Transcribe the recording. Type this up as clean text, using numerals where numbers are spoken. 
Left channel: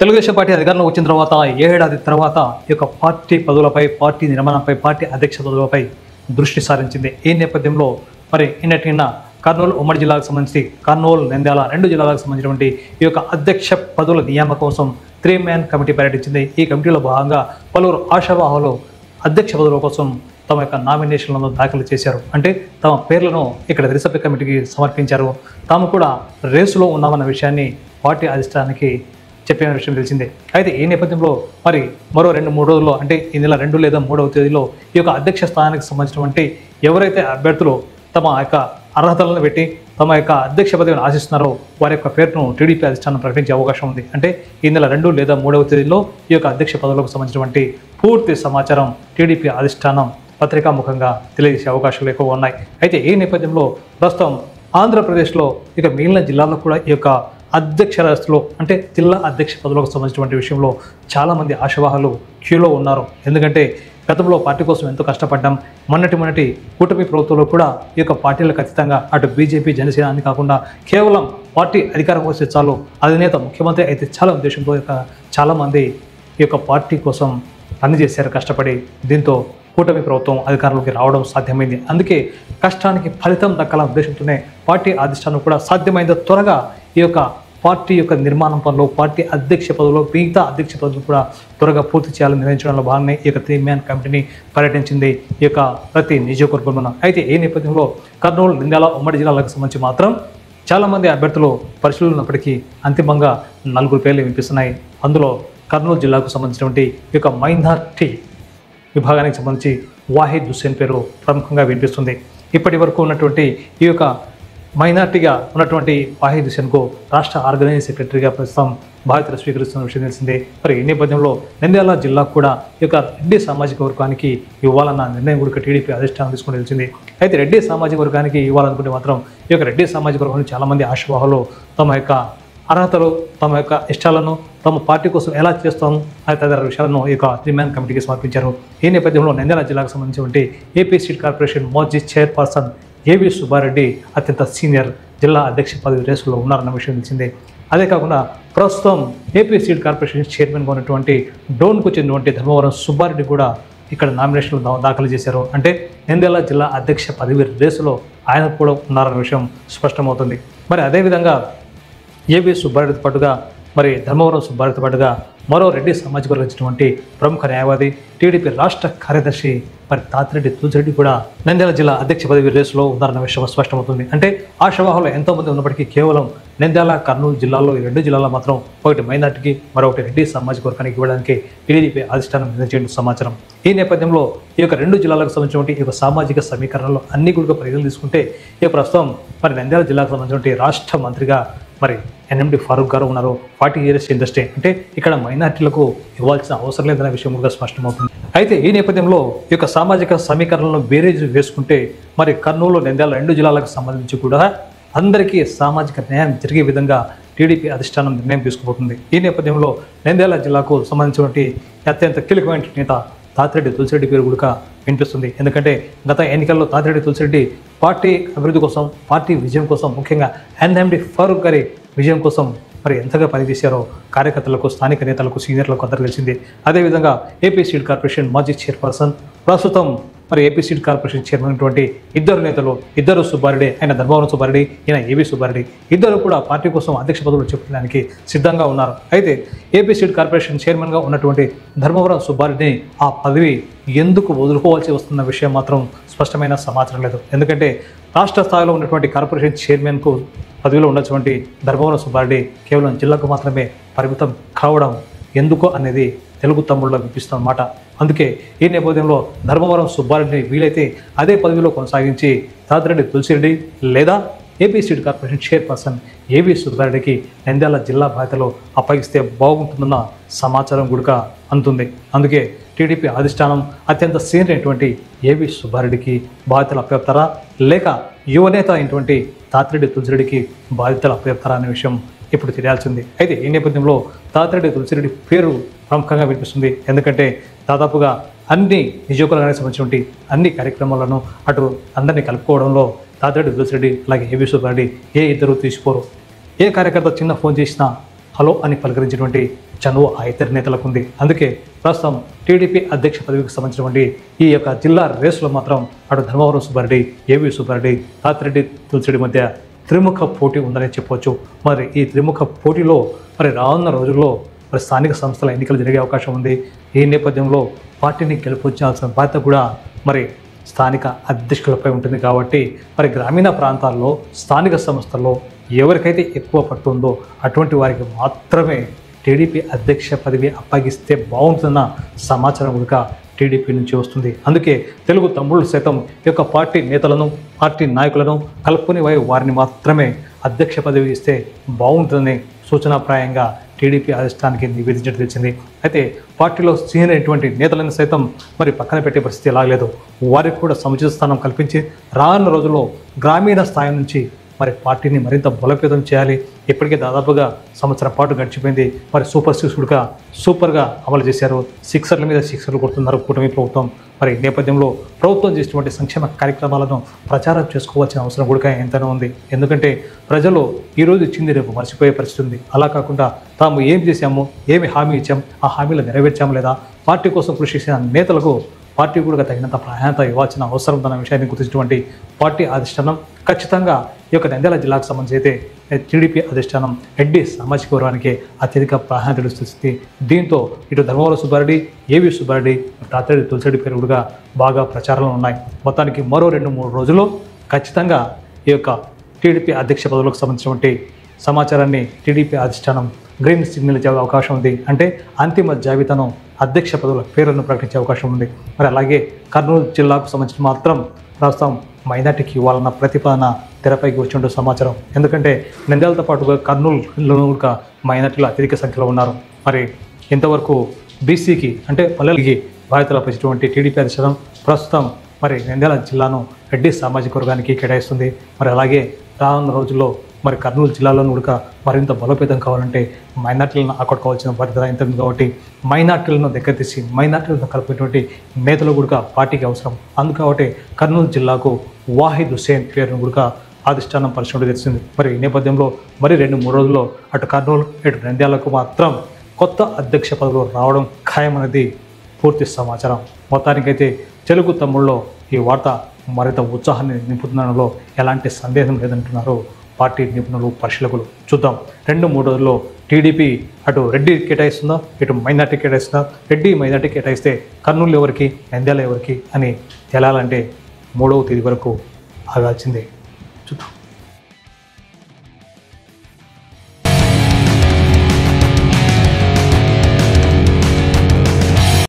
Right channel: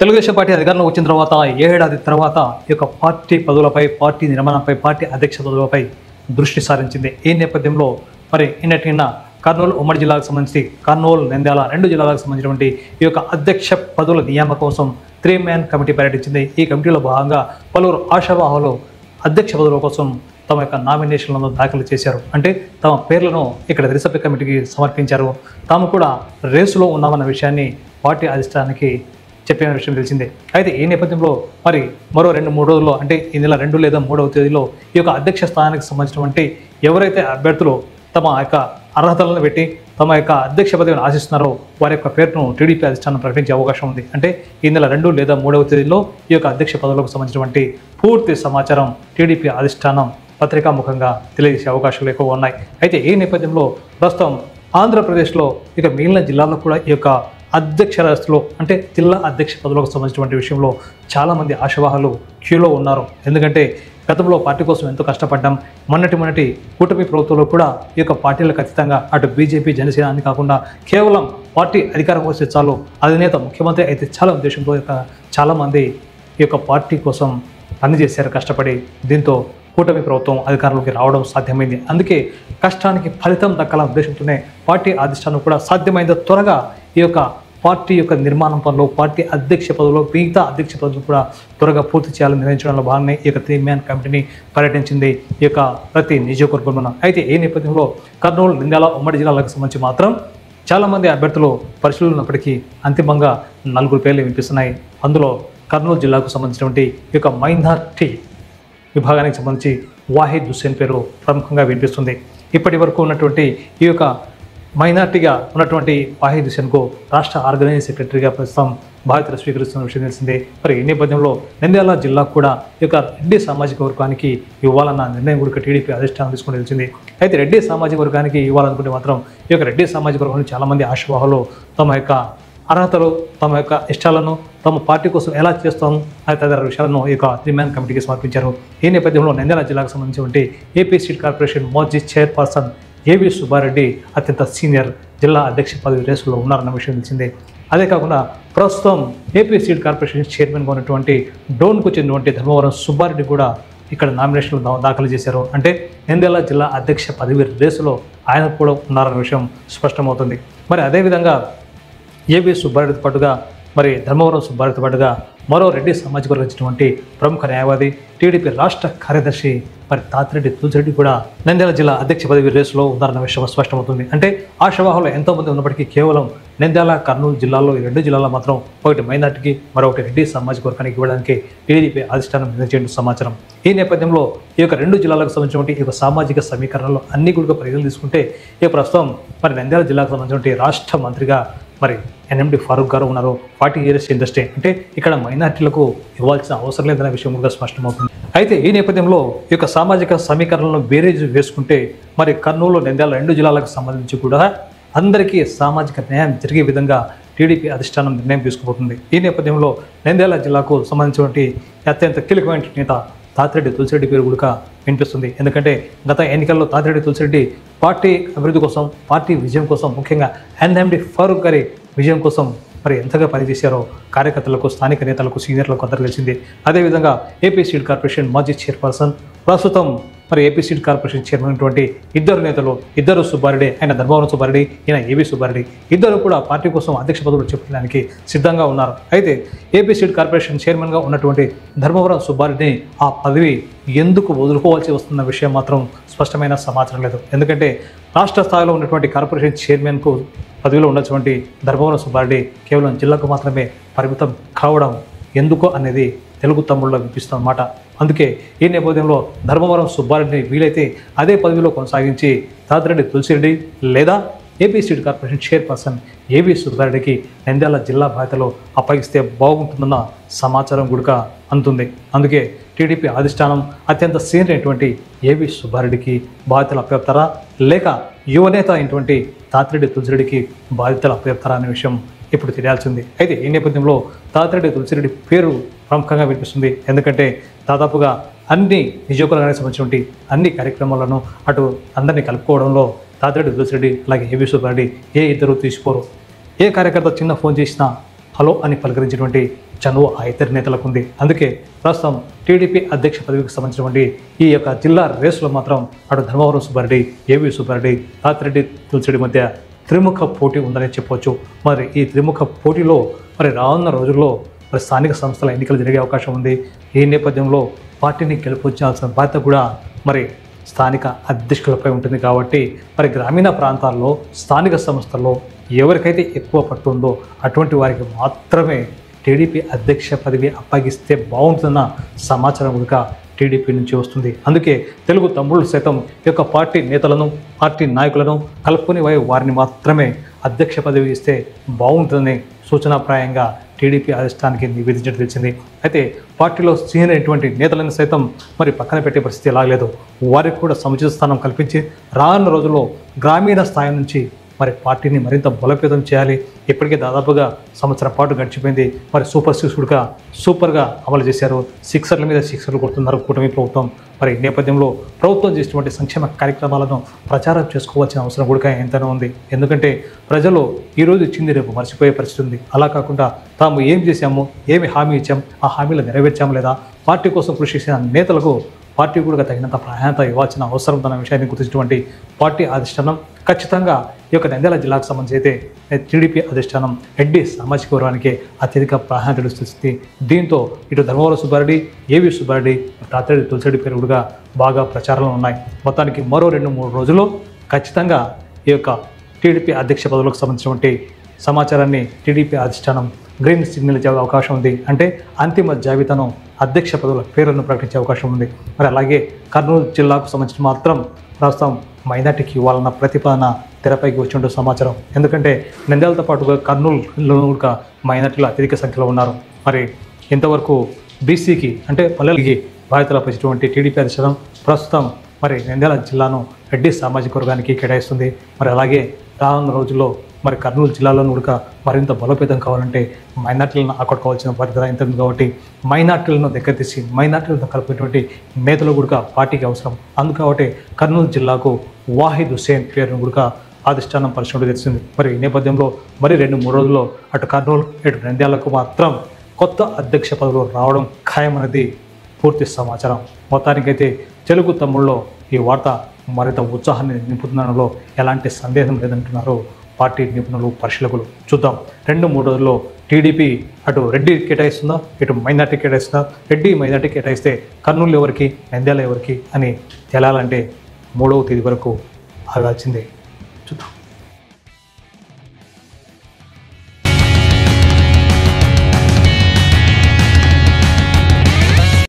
Telugu Desam party అధికారంలో వచ్చిన తర్వాత ఏడాది తర్వాత ఈ యొక్క పార్టీ పదవులపై, పార్టీ నిర్మాణంపై, పార్టీ అధ్యక్ష పదవులపై దృష్టి సారించింది. ఈ నేపథ్యంలో మరి నిన్న కర్నూలు ఉమ్మడి జిల్లాకు సంబంధించి కర్నూలు, నంద్యాల 2 జిల్లాలకు సంబంధించినటువంటి ఈ యొక్క అధ్యక్ష పదవుల నియామకం కోసం 3-మ్యాన్ కమిటీ పర్యటించింది. ఈ కమిటీలో భాగంగా పలువురు ఆశావాహులు అధ్యక్ష పదవుల కోసం తమ యొక్క నామినేషన్లను దాఖలు చేశారు. అంటే తమ పేర్లను ఇక్కడ రిసర్వ్ కమిటీకి సమర్పించారు. తాము కూడా రేసులో ఉన్నామన్న విషయాన్ని పార్టీ అధిష్టానానికి చెప్పిన విషయం తెలిసిందే. అయితే ఈ నేపథ్యంలో మరి మరో 2-3 రోజుల్లో, అంటే ఈ నెల 2 లేదా 3వ తేదీలో ఈ యొక్క అధ్యక్ష స్థానానికి సంబంధించినటువంటి ఎవరైతే అభ్యర్థులు తమ యొక్క అర్హతలను పెట్టి తమ యొక్క అధ్యక్ష పదవిని ఆశిస్తున్నారో వారి యొక్క పేరును టీడీపీ అధిష్టానం ప్రకటించే అవకాశం ఉంది. అంటే ఈ నెల 2 లేదా 3వ తేదీలో ఈ యొక్క అధ్యక్ష పదవులకు సంబంధించినటువంటి పూర్తి సమాచారం టీడీపీ అధిష్టానం పత్రికాముఖంగా తెలియజేసే అవకాశాలు ఎక్కువ ఉన్నాయి. అయితే ఈ నేపథ్యంలో ప్రస్తుతం ఆంధ్రప్రదేశ్లో ఇక మిగిలిన జిల్లాల్లో కూడా ఈ యొక్క అధ్యక్ష రాష్ట్రంలో, అంటే జిల్లా అధ్యక్ష పదవులకు సంబంధించినటువంటి విషయంలో చాలామంది ఆశావాహులు క్యూలో ఉన్నారు. ఎందుకంటే గతంలో పార్టీ కోసం ఎంతో కష్టపడ్డాం. మొన్నటి కూటమి ప్రభుత్వంలో కూడా ఈ యొక్క పార్టీలకు ఖచ్చితంగా అటు బీజేపీ, జనసేన అని కాకుండా కేవలం పార్టీ అధికారం వస్తే చాలు, అధినేత ముఖ్యమంత్రి అయితే చాలా ఉద్దేశంతో చాలామంది ఈ యొక్క పార్టీ కోసం పనిచేశారు కష్టపడి. దీంతో కూటమి ప్రభుత్వం అధికారంలోకి రావడం సాధ్యమైంది. అందుకే కష్టానికి ఫలితం దక్కాల ఉద్దేశంతోనే పార్టీ అధిష్టానం కూడా సాధ్యమైనంత త్వరగా ఈ యొక్క పార్టీ యొక్క నిర్మాణం పనులు, పార్టీ అధ్యక్ష పదవులు, మిగతా అధ్యక్ష పదవులు కూడా త్వరగా పూర్తి చేయాలని నిర్ణయించడంలో భాగంగా ఈ యొక్క 3-మ్యాన్ కమిటీని పర్యటించింది ఈ యొక్క ప్రతి నియోజకవర్గంలో. అయితే ఈ నేపథ్యంలో కర్నూలు, నంద్యాల ఉమ్మడి జిల్లాలకు సంబంధించి మాత్రం చాలామంది అభ్యర్థులు పరిశీలన ఉన్నప్పటికీ అంతిమంగా 4 పేర్లు వినిపిస్తున్నాయి. అందులో కర్నూలు జిల్లాకు సంబంధించినటువంటి ఈ యొక్క మైనార్టీ విభాగానికి సంబంధించి వాహిద్ హుస్సేన్ పేరు ప్రముఖంగా వినిపిస్తుంది. ఇప్పటి వరకు ఉన్నటువంటి ఈ యొక్క మైనార్టీగా ఉన్నటువంటి వాహిద్ హుస్సేన్కు రాష్ట్ర ఆర్గనైజింగ్ సెక్రటరీగా ప్రస్తుతం బాధ్యతలు స్వీకరిస్తున్న విషయం తెలిసిందే. మరి ఈ నేపథ్యంలో నంద్యాల జిల్లాకు కూడా ఈ యొక్క రెడ్డి సామాజిక వర్గానికి ఇవ్వాలన్న నిర్ణయం కూడా టీడీపీ అధిష్టానం తీసుకుని తెలిసింది. అయితే రెడ్డి సామాజిక వర్గానికి ఇవ్వాలనుకుంటే మాత్రం ఈ యొక్క రెడ్డి సామాజిక వర్గంలో చాలామంది ఆశావాహులు తమ యొక్క అర్హతలు, తమ యొక్క ఇష్టాలను, తమ పార్టీ కోసం ఎలా చేస్తాము తదితర విషయాలను ఈ యొక్క 3-మ్యాన్ కమిటీకి సమర్పించారు. ఈ నేపథ్యంలో నంద్యాల జిల్లాకు సంబంధించినటువంటి ఏపీ స్టేట్ కార్పొరేషన్ మాజీ చైర్పర్సన్ ఏవి సుబ్బారెడ్డి అత్యంత సీనియర్ జిల్లా అధ్యక్ష పదవి రేసులో ఉన్నారన్న విషయం తెలిసిందే. అదే కాకుండా ప్రస్తుతం ఏపీ స్టేట్ కార్పొరేషన్ చైర్మన్గా ఉన్నటువంటి డోన్కు చెందినటువంటి ధర్మవరం సుబ్బారెడ్డి కూడా ఇక్కడ నామినేషన్లు దాఖలు చేశారు. అంటే నంద్యాల జిల్లా అధ్యక్ష పదవి రేసులో ఆయన కూడా ఉన్నారన్న విషయం స్పష్టమవుతుంది. మరి అదేవిధంగా ఏవి సుబ్బారెడ్డితో పాటుగా మరి ధర్మవరం సుబ్బారెడ్డితో పాటుగా మరో రెడ్డి సామాజిక వర్గం వచ్చినటువంటి ప్రముఖ న్యాయవాది, టీడీపీ రాష్ట్ర కార్యదర్శి మరి తాతిరెడ్డి తులసిరెడ్డి కూడా నంద్యాల జిల్లా అధ్యక్ష పదవి రేసులో ఉన్నారన్న విషయం స్పష్టమవుతుంది. అంటే ఆశావాహులు ఎంతో మంది ఉన్నప్పటికీ కేవలం నంద్యాల, కర్నూలు జిల్లాలో ఈ 2 జిల్లాలో మాత్రం ఒకటి మైనార్టీకి, మరొకటి రెడ్డి సామాజిక వర్గానికి ఇవ్వడానికి టీడీపీ అధిష్టానం నిర్ణయించిన సమాచారం. ఈ నేపథ్యంలో ఈ యొక్క 2 జిల్లాలకు సంబంధించినటువంటి ఈ యొక్క సామాజిక సమీకరణలో అన్ని కూడా పరిగణలు తీసుకుంటే ఈ ప్రస్తుతం మరి నంద్యాల జిల్లాకు సంబంధించినటువంటి రాష్ట్ర మంత్రిగా మరి ఎన్ఎండి ఫారూక్ గారు ఉన్నారు. 40 years ఇండస్ట్రీ, అంటే ఇక్కడ మైనార్టీలకు ఇవ్వాల్సిన అవసరం లేదనే విషయం కూడా స్పష్టమవుతుంది. అయితే ఈ నేపథ్యంలో ఈ యొక్క సామాజిక సమీకరణలో బేరేజ్ వేసుకుంటే మరి కర్నూలు, నంద్యాల 2 జిల్లాలకు సంబంధించి కూడా అందరికీ సామాజిక న్యాయం జరిగే విధంగా టీడీపీ అధిష్టానం నిర్ణయం తీసుకుపోతుంది. ఈ నేపథ్యంలో నంద్యాల జిల్లాకు సంబంధించినటువంటి అత్యంత కీలకమైన నేత తాతిరెడ్డి తులసిరెడ్డి పేరు కూడా వినిపిస్తుంది. ఎందుకంటే గత ఎన్నికల్లో తాతిరెడ్డి తులసిరెడ్డి పార్టీ అభివృద్ధి కోసం, పార్టీ విజయం కోసం, ముఖ్యంగా ఎన్ఎండి ఫారూక్ గారి విజయం కోసం మరి ఎంతగా పనిచేశారో కార్యకర్తలకు, స్థానిక నేతలకు, సీనియర్లకు అందరూ తెలిసింది. అదేవిధంగా ఏపీ స్టేట్ కార్పొరేషన్ మాజీ చైర్పర్సన్, ప్రస్తుతం మరి ఏపీ స్టేట్ కార్పొరేషన్ చైర్మన్ అయినటువంటి ఇద్దరు నేతలు, ఇద్దరు సుబ్బారెడ్డి, ఆయన ధర్మవరం సుబ్బారెడ్డి, ఈయన ఏవి సుబ్బారెడ్డి, ఇద్దరు కూడా పార్టీ కోసం అధ్యక్ష పదవులు చెప్పడానికి సిద్ధంగా ఉన్నారు. అయితే ఏపీ స్టేట్ కార్పొరేషన్ చైర్మన్గా ఉన్నటువంటి ధర్మవరం సుబ్బారెడ్డి ఆ పదవి ఎందుకు వదులుకోవాల్సి వస్తున్న విషయం మాత్రం స్పష్టమైన సమాచారం లేదు. ఎందుకంటే రాష్ట్ర స్థాయిలో ఉన్నటువంటి కార్పొరేషన్ చైర్మన్కు పదవిలో ఉన్నటువంటి ధర్మవరం సుబ్బారెడ్డి కేవలం జిల్లాకు మాత్రమే పరిమితం కావడం ఎందుకో అనేది తెలుగు తమ్ముళ్ళు వినిపిస్తున్నమాట. అందుకే ఈ నేపథ్యంలో ధర్మవరం సుబ్బారెడ్డి వీలైతే అదే పదవిలో కొనసాగించి తాతిరెడ్డి తులసిరెడ్డి లేదా ఏపీ స్టేట్ కార్పొరేషన్ చైర్పర్సన్ ఏవి సుబ్బారెడ్డికి నంద్యాల జిల్లా బాధ్యతలో అప్పగిస్తే బాగుంటుందన్న సమాచారం కూడా అందుతుంది. అందుకే టీడీపీ అధిష్టానం అత్యంత సీనియర్ అయినటువంటి ఏవి సుబ్బారెడ్డికి బాధ్యతలు అప్పచెప్తారా, లేక యువనేత అయినటువంటి తాతిరెడ్డి తులసిరెడ్డికి బాధ్యతలు అప్పచెప్తారా అనే విషయం ఇప్పుడు తెలియాల్సింది. అయితే ఈ నేపథ్యంలో తాతిరెడ్డి తులసిరెడ్డి పేరు ప్రముఖంగా వినిపిస్తుంది. ఎందుకంటే దాదాపుగా అన్ని నియోజకవర్గానికి సంబంధించినటువంటి అన్ని కార్యక్రమాలను అటు అందరినీ కలుపుకోవడంలో తాతిరెడ్డి తులసిరెడ్డి అలాగే ఏవి సుబ్బారెడ్డి ఏ ఇద్దరు తీసుకోరు. ఏ కార్యకర్త చిన్న ఫోన్ చేసినా హలో అని పలకరించినటువంటి చనువు ఆ ఇద్దరు నేతలకు ఉంది. అందుకే ప్రస్తుతం టీడీపీ అధ్యక్ష పదవికి సంబంధించినటువంటి ఈ యొక్క జిల్లా రేసులో మాత్రం అటు ధర్మవరం సుబ్బారెడ్డి, ఏవి సుబ్బారెడ్డి, ఆతిరెడ్డి తులసిరెడ్డి మధ్య త్రిముఖ పోటీ ఉందని చెప్పవచ్చు. మరి ఈ త్రిముఖ పోటీలో మరి రానున్న రోజుల్లో స్థానిక సంస్థల ఎన్నికలు జరిగే అవకాశం ఉంది. ఈ నేపథ్యంలో పార్టీని గెలుపొచ్చాల్సిన బాధ్యత కూడా మరి స్థానిక అధ్యక్షులపై ఉంటుంది. కాబట్టి మరి గ్రామీణ ప్రాంతాల్లో స్థానిక సంస్థల్లో ఎవరికైతే ఎక్కువ పట్టుందో అటువంటి వారికి మాత్రమే టీడీపీ అధ్యక్ష పదవి అప్పగిస్తే బాగుంటున్న సమాచారం కూడా టీడీపీ నుంచి వస్తుంది. అందుకే తెలుగు తమ్ముళ్ళు సైతం ఈ యొక్క పార్టీ నేతలను, పార్టీ నాయకులను కలుపుకుని వారిని మాత్రమే అధ్యక్ష పదవి ఇస్తే బాగుంటుందని సూచనాప్రాయంగా టీడీపీ అధిష్టానానికి నివేదించడం తెలిసింది. అయితే పార్టీలో సీనియర్ అయినటువంటి నేతలను సైతం మరి పక్కన పెట్టే పరిస్థితి ఎలా లేదు. వారికి కూడా సముచిత స్థానం కల్పించి రానున్న రోజుల్లో గ్రామీణ స్థాయి నుంచి మరి పార్టీని మరింత బలోపేతం చేయాలి. ఇప్పటికే దాదాపుగా సంవత్సరం పాటు గడిచిపోయింది. మరి సూపర్గా అమలు చేశారు. సిక్సర్ల మీద సిక్సర్లు కొడుతున్నారు కూటమి ప్రభుత్వం. మరి ఈ నేపథ్యంలో ప్రభుత్వం చేసినటువంటి సంక్షేమ కార్యక్రమాలను ప్రచారం చేసుకోవాల్సిన అవసరం కూడా ఎంతైనా ఉంది. ఎందుకంటే ప్రజలు ఈరోజు ఇచ్చింది రేపు మర్చిపోయే పరిస్థితి ఉంది. అలా కాకుండా తాము ఏం చేశామో, ఏమి హామీ ఇచ్చాం, ఆ హామీలు నెరవేర్చాము లేదా, పార్టీ కోసం కృషి చేసిన నేతలకు పార్టీ కూడా తగినంత ప్రాధాన్యత ఇవ్వాల్సిన అవసరం తన విషయాన్ని గుర్తించినటువంటి పార్టీ అధిష్టానం ఖచ్చితంగా ఈ యొక్క నంద్యాల జిల్లాకు సంబంధించి అయితే టీడీపీ అధిష్టానం రెడ్డి సామాజిక వర్గానికి అత్యధిక ప్రాధాన్యత ఇస్తుంది. దీంతో ఇటు ధర్మవరం సుబ్బారెడ్డి, ఏవి సుబ్బారెడ్డి, ఆతిరెడ్డి తులసిరెడ్డి పేరు కూడా బాగా ప్రచారంలో ఉన్నాయి. మొత్తానికి మరో 2-3 రోజులు ఖచ్చితంగా ఈ యొక్క టీడీపీ అధ్యక్ష పదవులకు సంబంధించినటువంటి సమాచారాన్ని టీడీపీ అధిష్టానం గ్రీన్ సిగ్నల్ ఇచ్చే అవకాశం ఉంది. అంటే అంతిమ జాబితాను అధ్యక్ష పదవుల పేర్లను ప్రకటించే అవకాశం ఉంది. మరి అలాగే కర్నూలు జిల్లాకు సంబంధించి మాత్రం ప్రస్తుతం మైనార్టీకి ఇవ్వాలన్న ప్రతిపాదన తెరపైకి వచ్చిన సమాచారం. ఎందుకంటే నంద్యాలతో పాటుగా కర్నూలులో కూడా మైనార్టీలు అత్యధిక సంఖ్యలో ఉన్నారు. మరి ఇంతవరకు బీసీకి అంటే పల్లెలకి బాధ్యతలు అప్పగించినటువంటి టీడీపీ అధిష్టానం ప్రస్తుతం మరి నంద్యాల జిల్లాను రెడ్డి సామాజిక వర్గానికి కేటాయిస్తుంది. మరి అలాగే రానున్న రోజుల్లో మరి కర్నూలు జిల్లాలో కూడా మరింత బలోపేతం కావాలంటే మైనార్టీలను ఆకట్టుకోవాల్సిన బాధ్యత ఎంత ఉంది. కాబట్టి మైనార్టీలను దగ్గర తీసి మైనార్టీలను కలిపేటువంటి నేతలు కూడా పార్టీకి అవసరం. అందుకబట్టి కర్నూలు జిల్లాకు వాహిద్ హుసేన్ పేరును కూడా అధిష్టానం పరిశీలన చేసింది. మరి ఈ నేపథ్యంలో మరి 2-3 రోజుల్లో అటు కర్నూలు ఇటు నంద్యాలకు మాత్రం కొత్త అధ్యక్ష పదవులు రావడం ఖాయమనేది పూర్తి సమాచారం. మొత్తానికైతే తెలుగు తమ్ముళ్ళు ఈ వార్త మరింత ఉత్సాహాన్ని నింపుతుండడంలో ఎలాంటి సందేహం లేదంటున్నాను పార్టీ నిపుణులు, పరిశీలకులు. చూద్దాం 2-3 రోజుల్లో టీడీపీ అటు రెడ్డి కేటాయిస్తుందా, ఇటు మైనార్టీ కేటాయిస్తుందా, రెడ్డి మైనార్టీ కేటాయిస్తే కర్నూలు ఎవరికి, నంద్యాల ఎవరికి అని తేలాలంటే 3వ తేదీ వరకు ఆగాల్సిందే. చూద్దాం.